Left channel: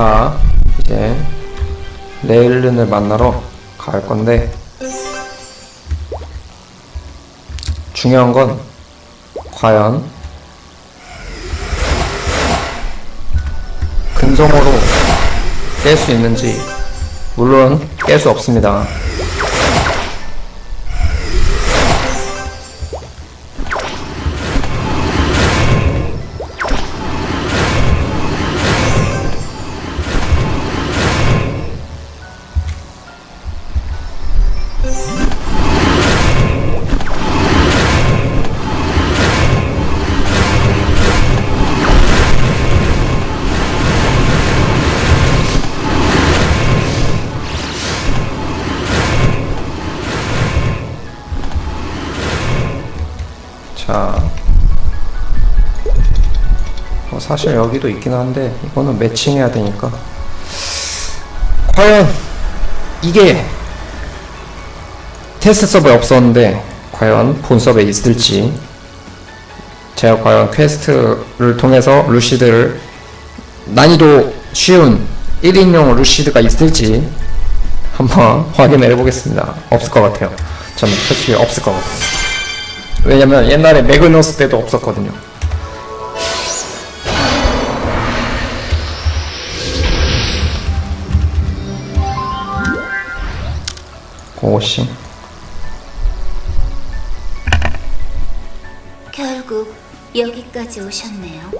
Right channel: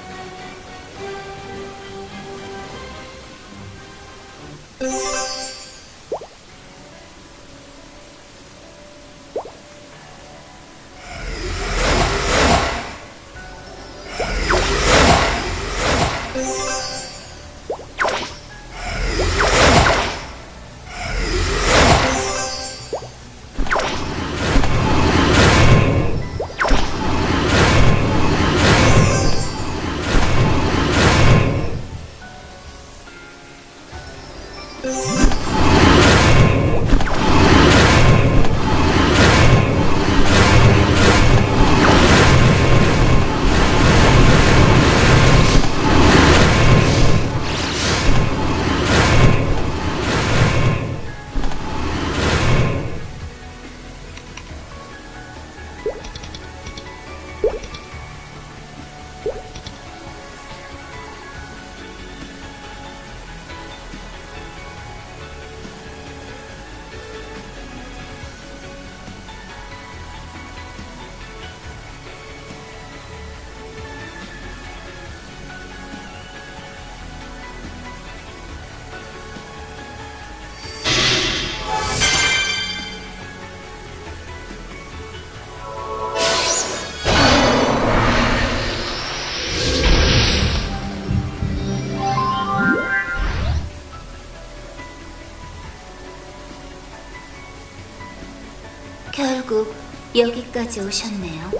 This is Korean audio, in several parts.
자, 이제 레일른을 만나러 갈 건데 중요한 건 과연 금성으로 깰 수 있는지 물론 깰 수 없습니다. 사실 여기도 있긴 한데 이거는 매칭해야 되니까. 과연 이게 테스트 서버에 없었는데 과연 본 서버에 있을지. 제가 과연 퀘스트를 통해서 루시드를 난이도 쉬운 1인용 루시드가 있을지 한번 확인을 해보겠습니다. 없을 것 같아요. 저는 솔직히 없을 것 같아요. 왜냐면 옛날에 매그너스 때도 없었거든요. 고시 결국 여기까지 오셨네요.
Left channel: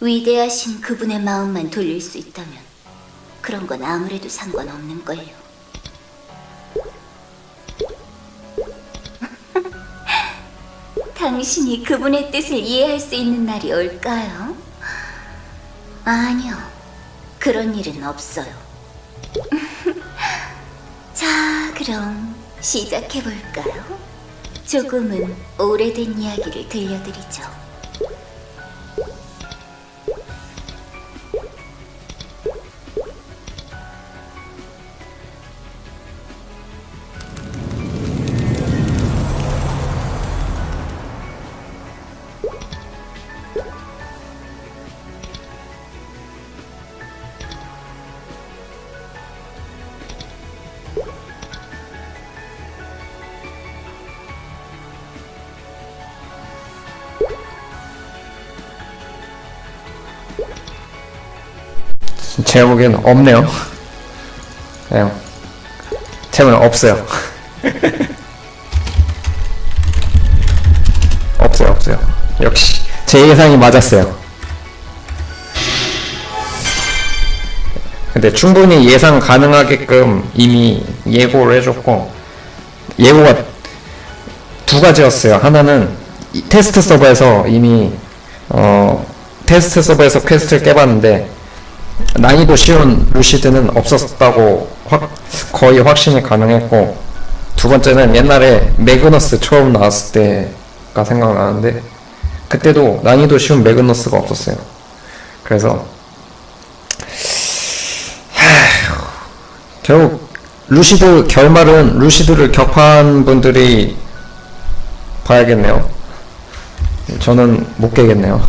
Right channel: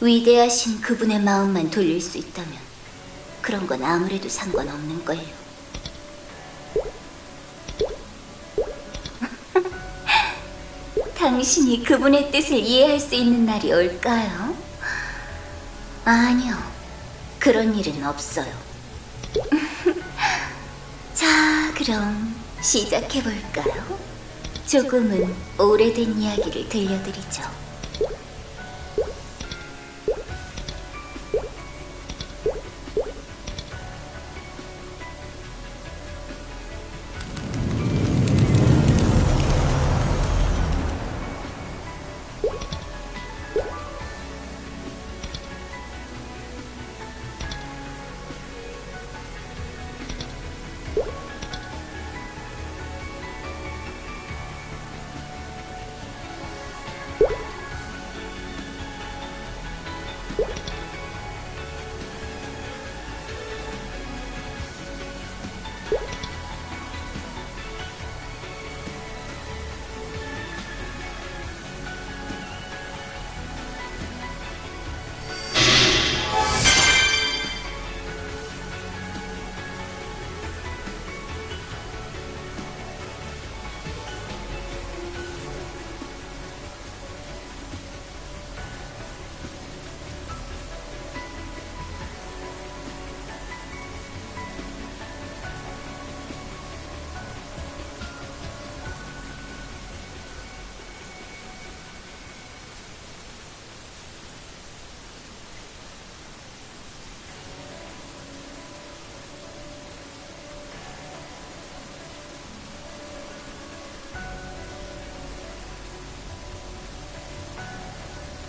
위대하신 그분의 마음만 돌릴 수 있다면 그런 건 아무래도 상관없는 걸요. 당신이 그분의 뜻을 이해할 수 있는 날이 올까요? 아니요. 그런 일은 없어요. 자, 그럼 시작해볼까요? 조금은 오래된 이야기를 들려드리죠. 제가 보기에는 없네요. 그냥 제가 없어요. 없어요, 없어요. 역시 제 예상이 맞았어요. 근데 충분히 예상 가능하게끔 이미 예고를 해줬고 예고가 두 가지였어요. 하나는 이 테스트 서버에서 이미 어 테스트 서버에서 퀘스트를 깨봤는데 난이도 쉬운 루시드는 없었다고 확, 거의 확신이 가능했고 두 번째는 옛날에 매그너스 처음 나왔을 때가 생각나는데 그때도 난이도 쉬운 매그너스가 없었어요. 그래서 결국 루시드 결말은 루시드를 격파한 분들이 봐야겠네요. 저는 못 깨겠네요.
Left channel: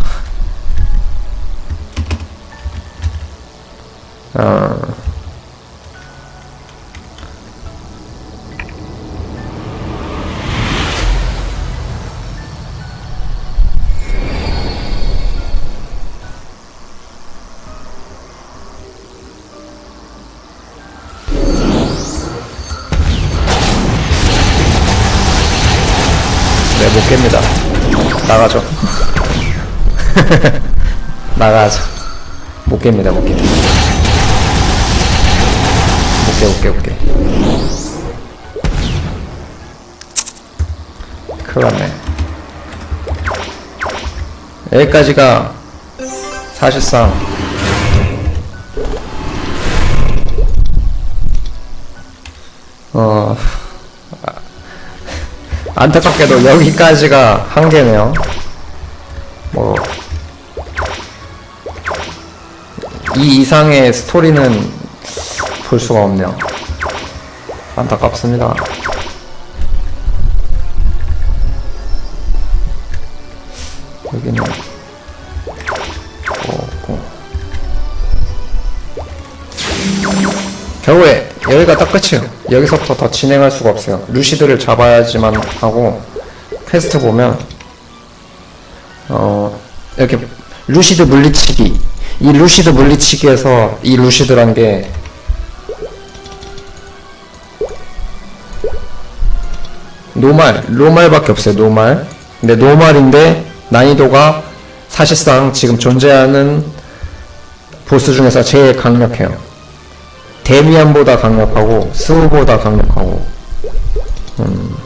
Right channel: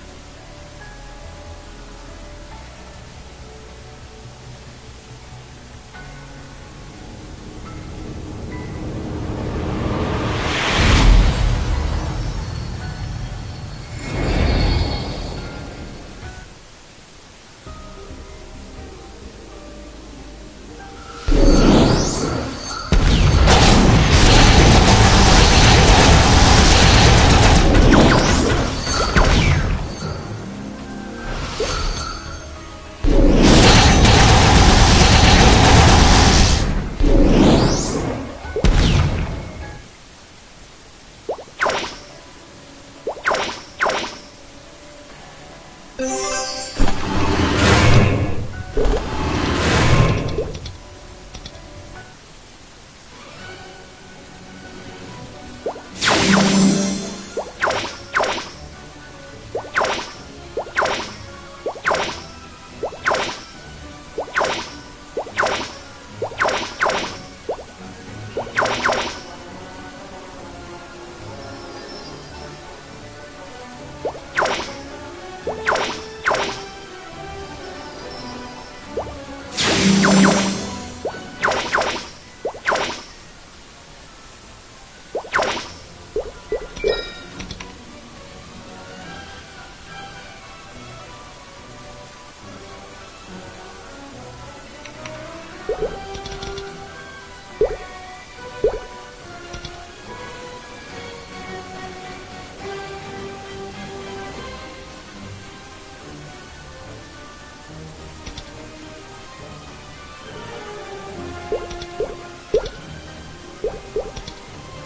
나가죠. 못 깹니다, 못 깹니다. 오케이 오케이 오케이 그러네 여기까지가 사실상 어 아, 안타깝게도 여기까지가 한계네요 뭐 이상의 스토리는 볼 수가 없네요. 안타깝습니다. 여기는 뭐 없고. 결국에 여기가 딱 끝이에요. 여기서부터 더 진행할 수가 없어요. 루시드를 잡아야지만 하고 퀘스트 보면 어 이렇게 루시드 물리치기 이 루시드 물리치기에서 이 루시드란 게 노말 노말밖에 없어요. 노말. 근데 노말인데 난이도가 사실상 지금 존재하는 보스 중에서 제일 강력해요. 데미안보다 강력하고 스우보다 강력하고 음.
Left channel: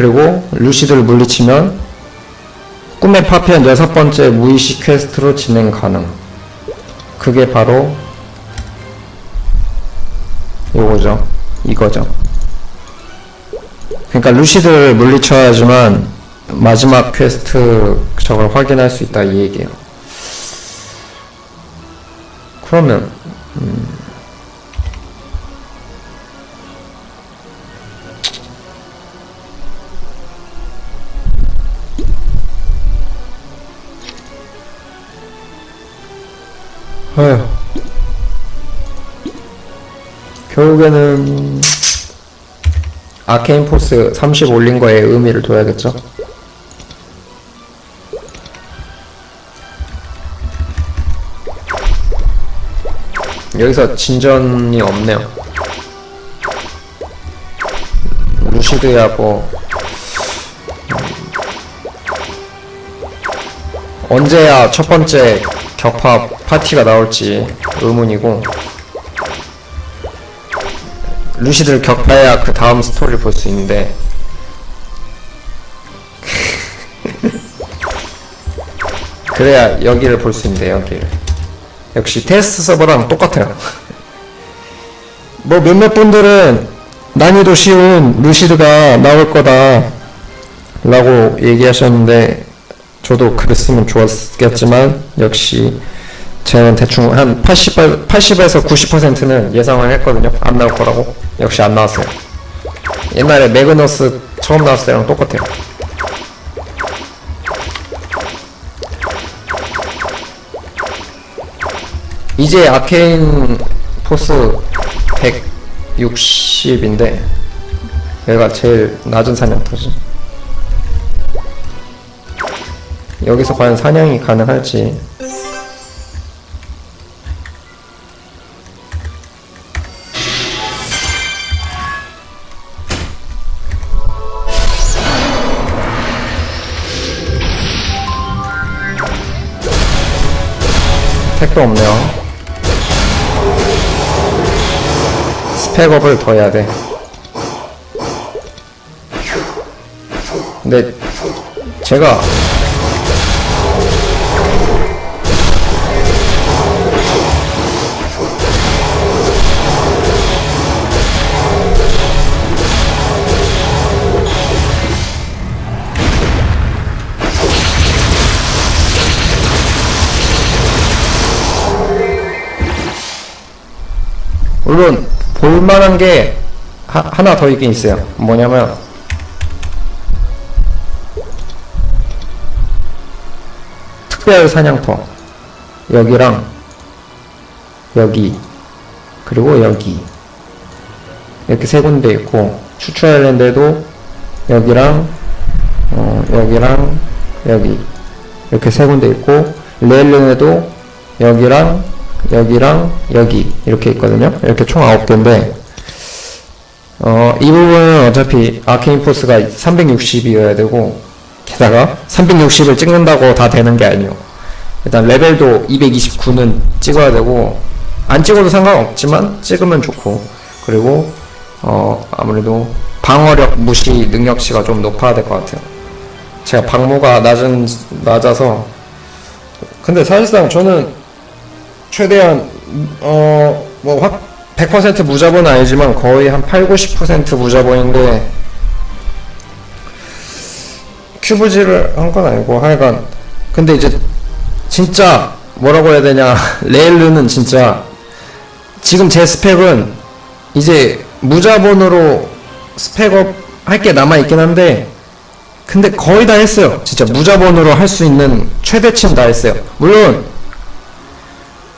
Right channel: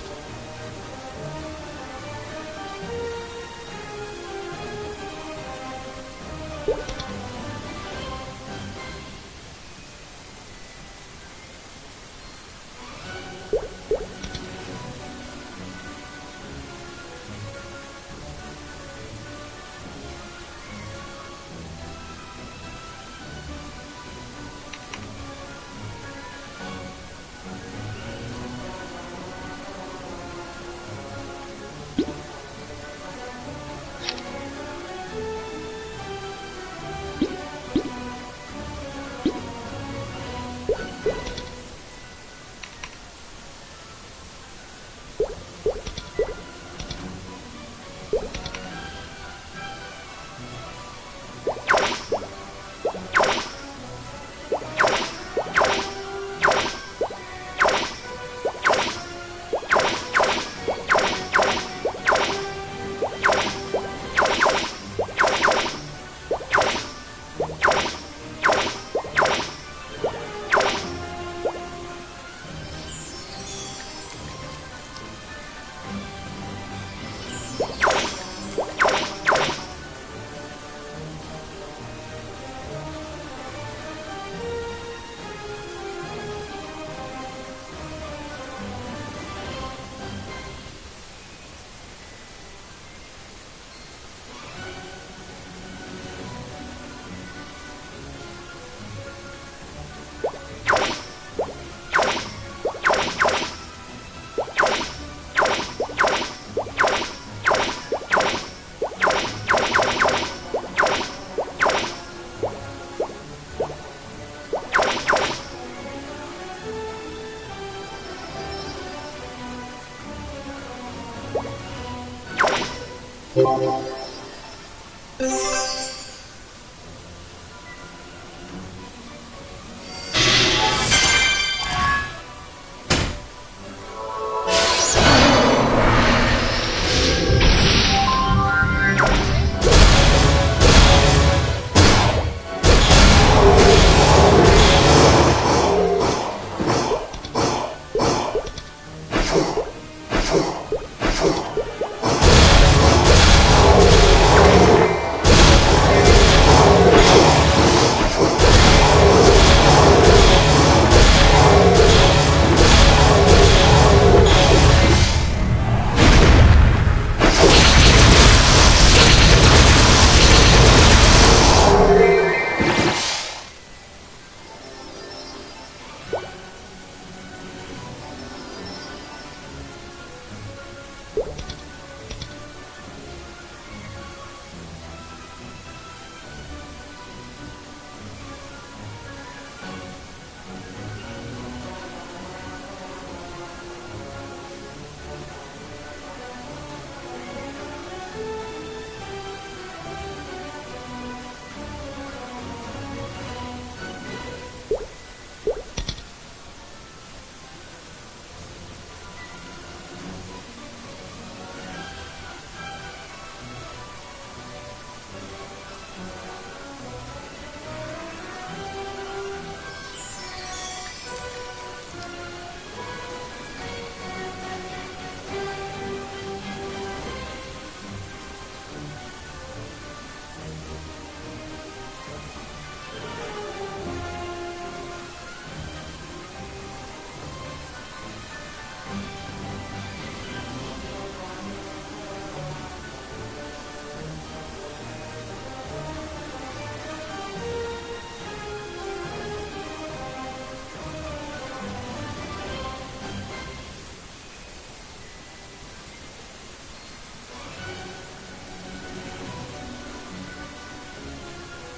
그리고 루시드를 물리치면 꿈의 파편 여섯 번째 무의식 퀘스트로 진행 가능. 그게 바로 요거죠. 이거죠. 그러니까 루시드를 물리쳐야지만 마지막 퀘스트 저걸 확인할 수 있다 이 얘기예요. 그러면 음, 아휴 결국에는 아케인 포스 30 올린 거에 의미를 둬야겠죠. 여기서 진전이 없네요. 루시드야 뭐 언제야 첫 번째 격파 파티가 나올지 의문이고 루시드를 격파해야 그 다음 스토리를 볼 수 있는데. 그래야 여기를 볼 수 있는데 여기를. 역시 테스트 서버랑 똑같아요. 뭐 몇몇 분들은 난이도 쉬운 루시드가 나올 거다 라고 얘기하셨는데 저도 그랬으면 좋았겠지만 역시 저는 대충 한 80, 80에서 90%는 예상을 했거든요. 안 나올 거라고. 역시 안 나왔어요. 옛날에 매그너스 처음 나왔을 때랑 똑같아요. 이제 아케인 포스 160인데 얘가 제일 낮은 사냥 터지. 여기서 과연 사냥이 가능할지 택도 없네요. 스펙업을 더 해야 돼. 근데 제가 물론 볼만한 게 하, 하나 더 있긴 있어요. 뭐냐면 특별 사냥터. 여기랑 여기 그리고 여기. 이렇게 세 군데 있고 아일랜드에도 여기랑 어, 여기랑 여기. 이렇게 세 군데 있고 레일링에도 여기랑 여기랑 여기. 이렇게 있거든요. 이렇게 총 9개인데 어, 이 부분은 어차피 아케인 포스가 360이어야 되고 게다가 360을 찍는다고 다 되는 게 아니에요. 일단 레벨도 229는 찍어야 되고 안 찍어도 상관없지만 찍으면 좋고 그리고 어, 아무래도 방어력 무시 능력치가 좀 높아야 될 것 같아요. 제가 방모가 낮은 낮아서 근데 사실상 저는 최대한 어뭐 100% 무자본은 아니지만 거의 한 8, 90% 무자본인데 큐브질을 한 건 아니고 하여간 근데 이제 진짜 뭐라고 해야 되냐 레일르는 진짜 지금 제 스펙은 이제 무자본으로 스펙업 할 게 남아 있긴 한데 근데 거의 다 했어요. 진짜 무자본으로 할 수 있는 최대치는 다 했어요. 물론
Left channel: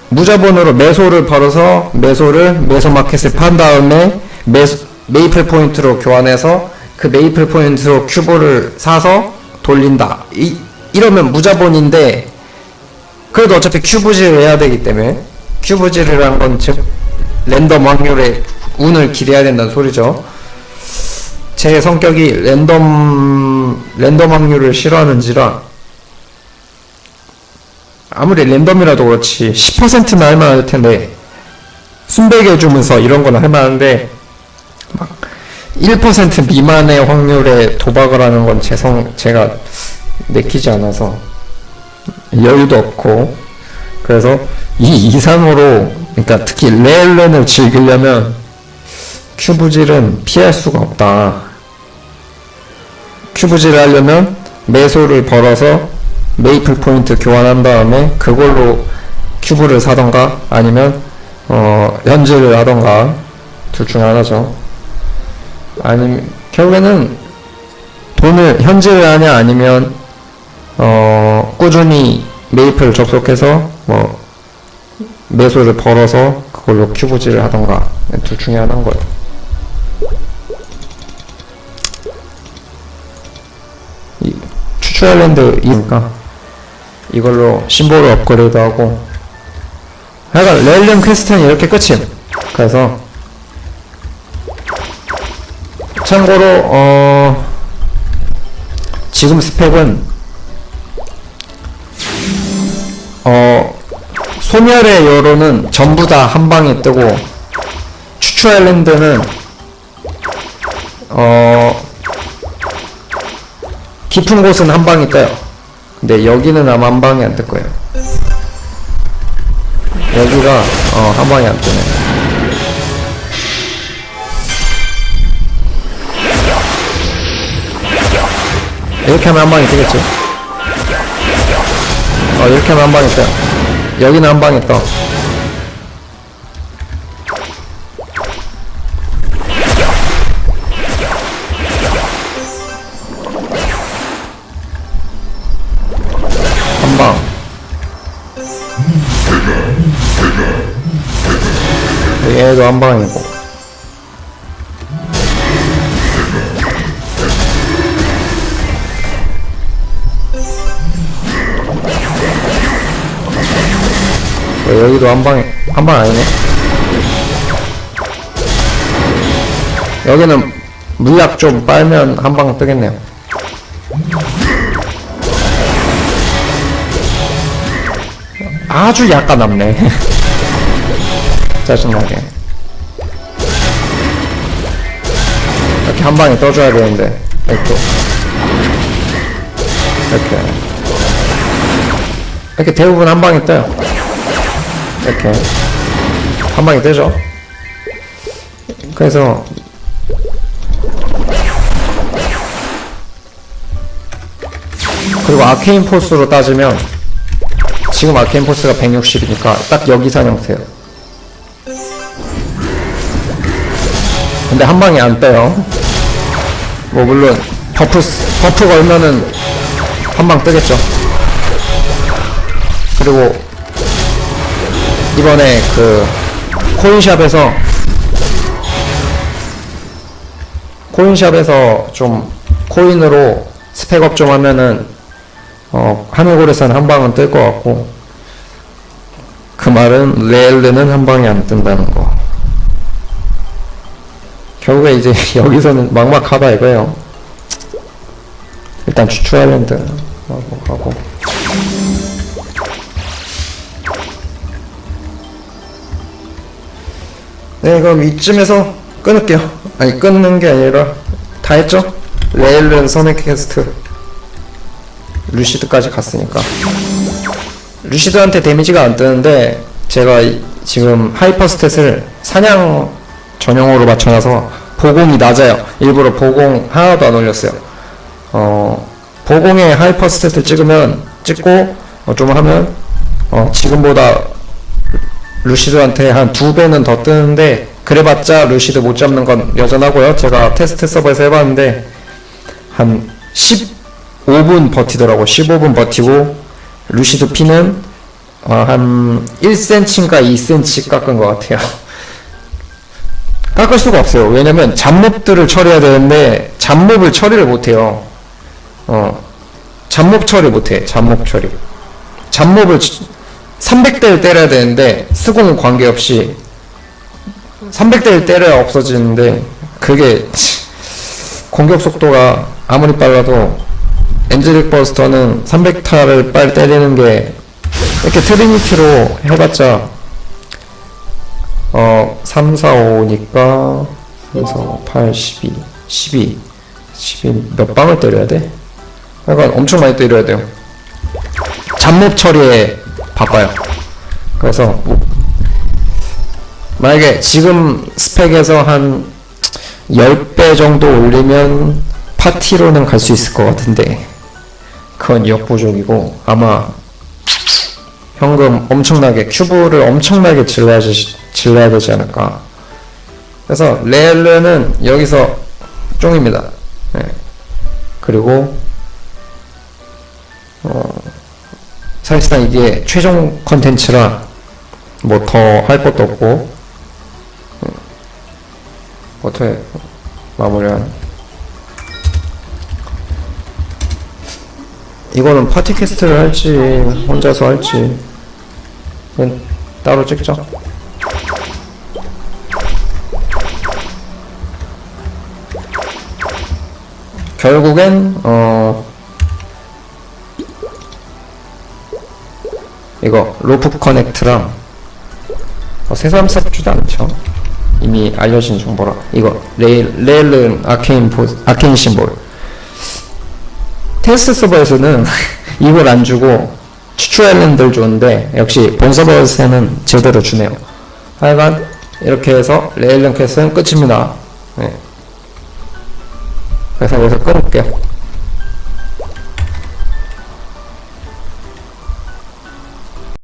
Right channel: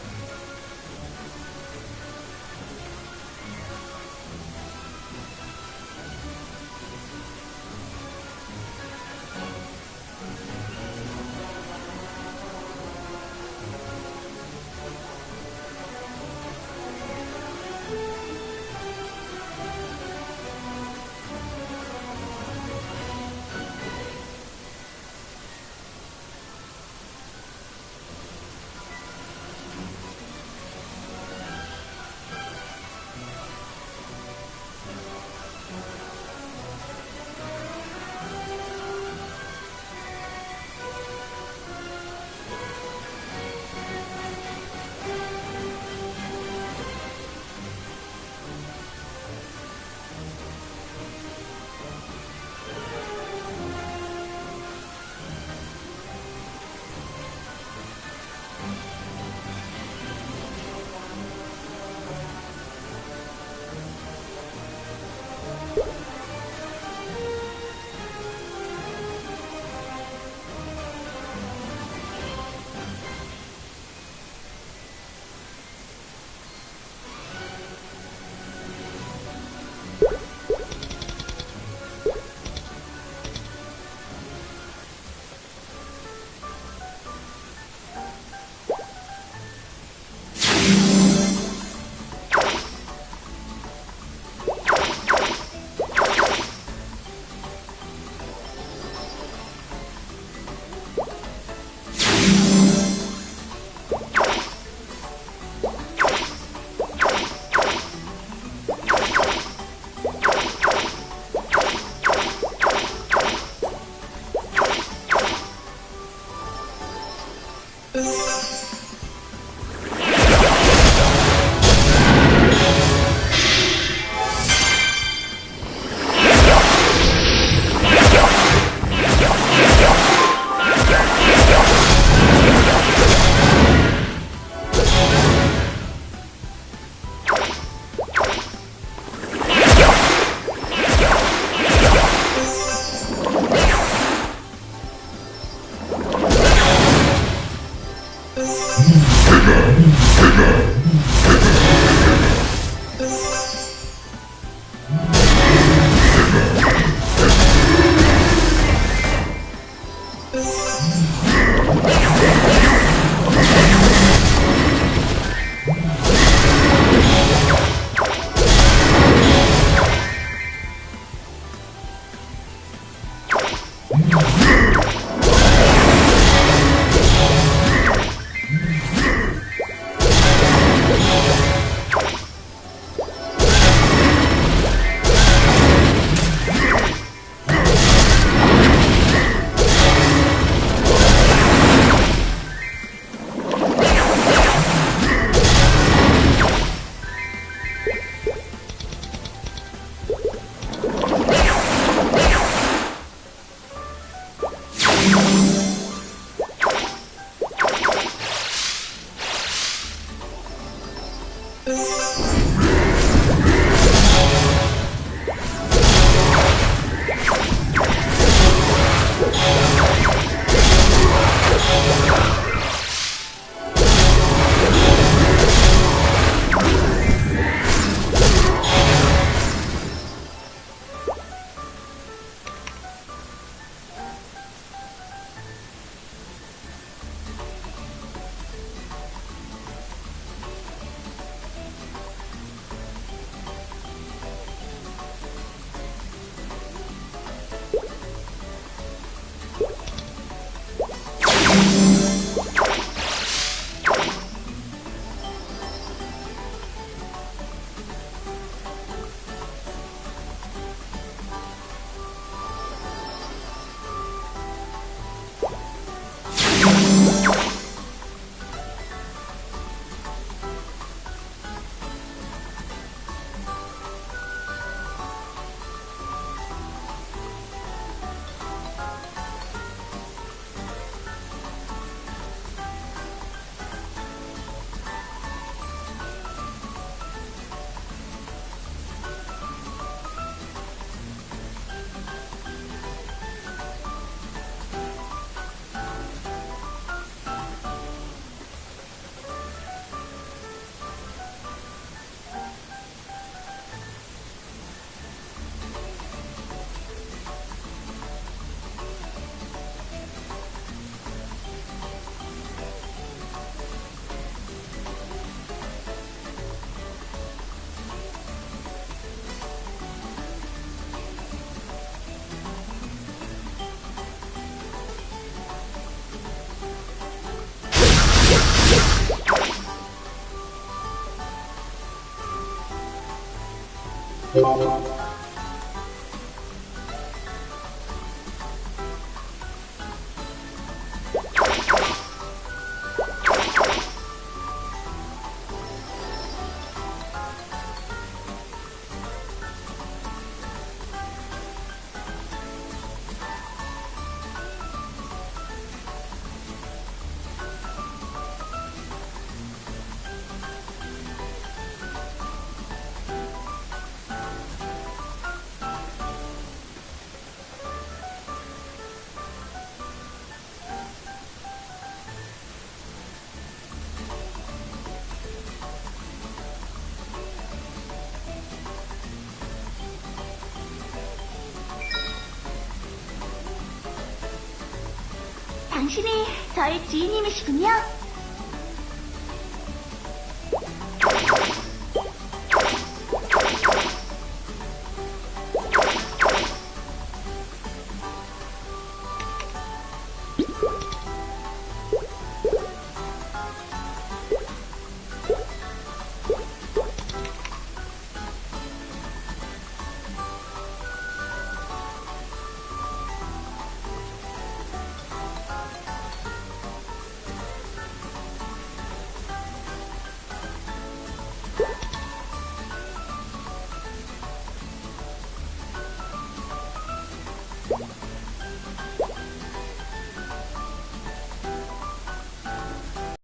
무자본으로 매소를 벌어서 매소를 매소 마켓에 판 다음에 매, 메이플 포인트로 교환해서 그 메이플 포인트로 큐브를 사서 돌린다. 이, 이러면 무자본인데 그래도 어차피 큐브질을 해야 되기 때문에 큐브질을 한 건 즉 랜덤 확률에 운을 기대해야 된다는 소리죠. 제 성격이 랜덤 랜덤 확률을 싫어하는지라 아무리 랜덤이라도 그렇지 10%는 할만할 텐데 순백해 주면서 이런 거는 할만한데 막 1% 미만의 확률에 도박을 하는 건 제성 제가 내키지 않아서 여유도 없고 그래서 이 이상으로 그러니까 특히 레일런을 즐기려면 큐브질은 피할 수가 없다. 큐브질을 하려면 매소를 벌어서 메이플 포인트 교환한 다음에 그걸로 큐브를 사던가 아니면 어 현질을 하던가 둘 중에 하나죠. 아니면 결국에는 돈을 현질을 하냐 아니면 어 꾸준히 메이플 접속해서 뭐 매소를 벌어서 그걸로 큐브질을 하던가. 둘 중에 하나인 거예요. 아일랜드 이니까 이걸로 심볼을 업그레이드하고. 하여간 렐름 퀘스트는 이렇게 끝임 그래서 참고로 어 지금 스펙은 어 소멸의 여로는 전부 다 한 방에 뜨고 추추 아일랜드는 어 깊은 곳은 한 방에 떠요. 근데 여기는 아마 한 방에 안 뜰 거예요. 여기가 어, 한 방에 안 떠요. 이렇게 하면 한 방에 뜨겠지. 어, 이렇게 하면 한 방에 떠. 여기는 한 방에 떠. 한 방. 얘도 한 방이고. 물약 좀 빨면 한 방 뜨겠네요. 아주 약간 남네. 짜증나게. 한 방에 떠줘야 되는데. 이렇게. 이렇게. 이렇게 대부분 한 방에 떠요. 이렇게. 한 방에 뜨죠. 그래서 그리고 아케인 포스로 따지면 지금 아케인 포스가 160이니까 딱 여기 산 형태예요. 근데 한 방에 안 떠요. 뭐 물론 버프 버프 걸면은 한 방 뜨겠죠. 그리고 이번에 그 코인샵에서 코인샵에서 좀 코인으로 스펙업 좀 하면은 어, 하늘고래산 한 방은 뜰 것 같고 그 말은 레일드는 한 방에 안 뜬다는 거. 결국에 이제 여기서는 막막하다 이거예요. 일단 추추 아일랜드 하고 가고. 네 그럼 이쯤에서 끊을게요. 아니 끊는 게 아니라 다 했죠? 레일은 선의 퀘스트 루시드까지 갔으니까. 루시드한테 데미지가 안 뜨는데 제가 이- 지금 하이퍼 스탯을 사냥 전용으로 맞춰놔서 보공이 낮아요. 일부러 보공 하나도 안 올렸어요. 어 보공에 하이퍼 스탯을 찍으면 찍고 어, 좀 하면 어 지금보다 루시드한테 한 두 배는 더 뜨는데 그래봤자 루시드 못 잡는 건 여전하고요. 제가 테스트 서버에서 해봤는데 한 10, 5분 버티더라고. 15분 버티고 루시드 피는 어, 한 1cm인가 2cm 깎은 것 같아요. 깎을 수가 없어요. 왜냐면 잡몹들을 처리해야 되는데 잡몹을 처리를 못해요. 어 잡몹 처리 못해. 잡몹 처리. 잡몹을 300대를 때려야 되는데 스공은 관계없이 300대를 때려야 없어지는데 그게 공격 속도가 아무리 빨라도 엔젤릭 버스터는 300타를 빨리 때리는 게 이렇게 트리니티로 해봤자 어 3, 4, 5니까 그래서 8, 12, 12, 12 몇 방을 때려야 돼? 약간 엄청 많이 때려야 돼요. 잡몹 처리에 바빠요. 그래서 뭐 만약에 지금 스펙에서 한 10배 정도 올리면 파티로는 갈 수 있을 것 같은데 그건 역부족이고 아마 현금 엄청나게 큐브를 엄청나게 질러야, 지- 질러야 되지 않을까. 그래서 레일은 여기서 쫑입니다. 네. 그리고 어, 사실상 이게 최종 컨텐츠라 뭐 더 할 것도 없고 음, 어떻게 마무리한 이거는 파티 캐스트를 할지 혼자서 할지 그건 따로 찍죠 결국엔 어 이거 로프 커넥트랑 어, 새삼스럽지도 않죠. 이미 알려진 정보라. 이거 레일 레일은 아케인 보 아케인 심볼. 테스트 서버에서는 이걸 안 주고 추추 엘렌들 주는데 역시 본 서버에서는 제대로 주네요. 하여간 이렇게 해서 레일런 캐스는 끝입니다. 네. 그래서 여기서 끊을게요.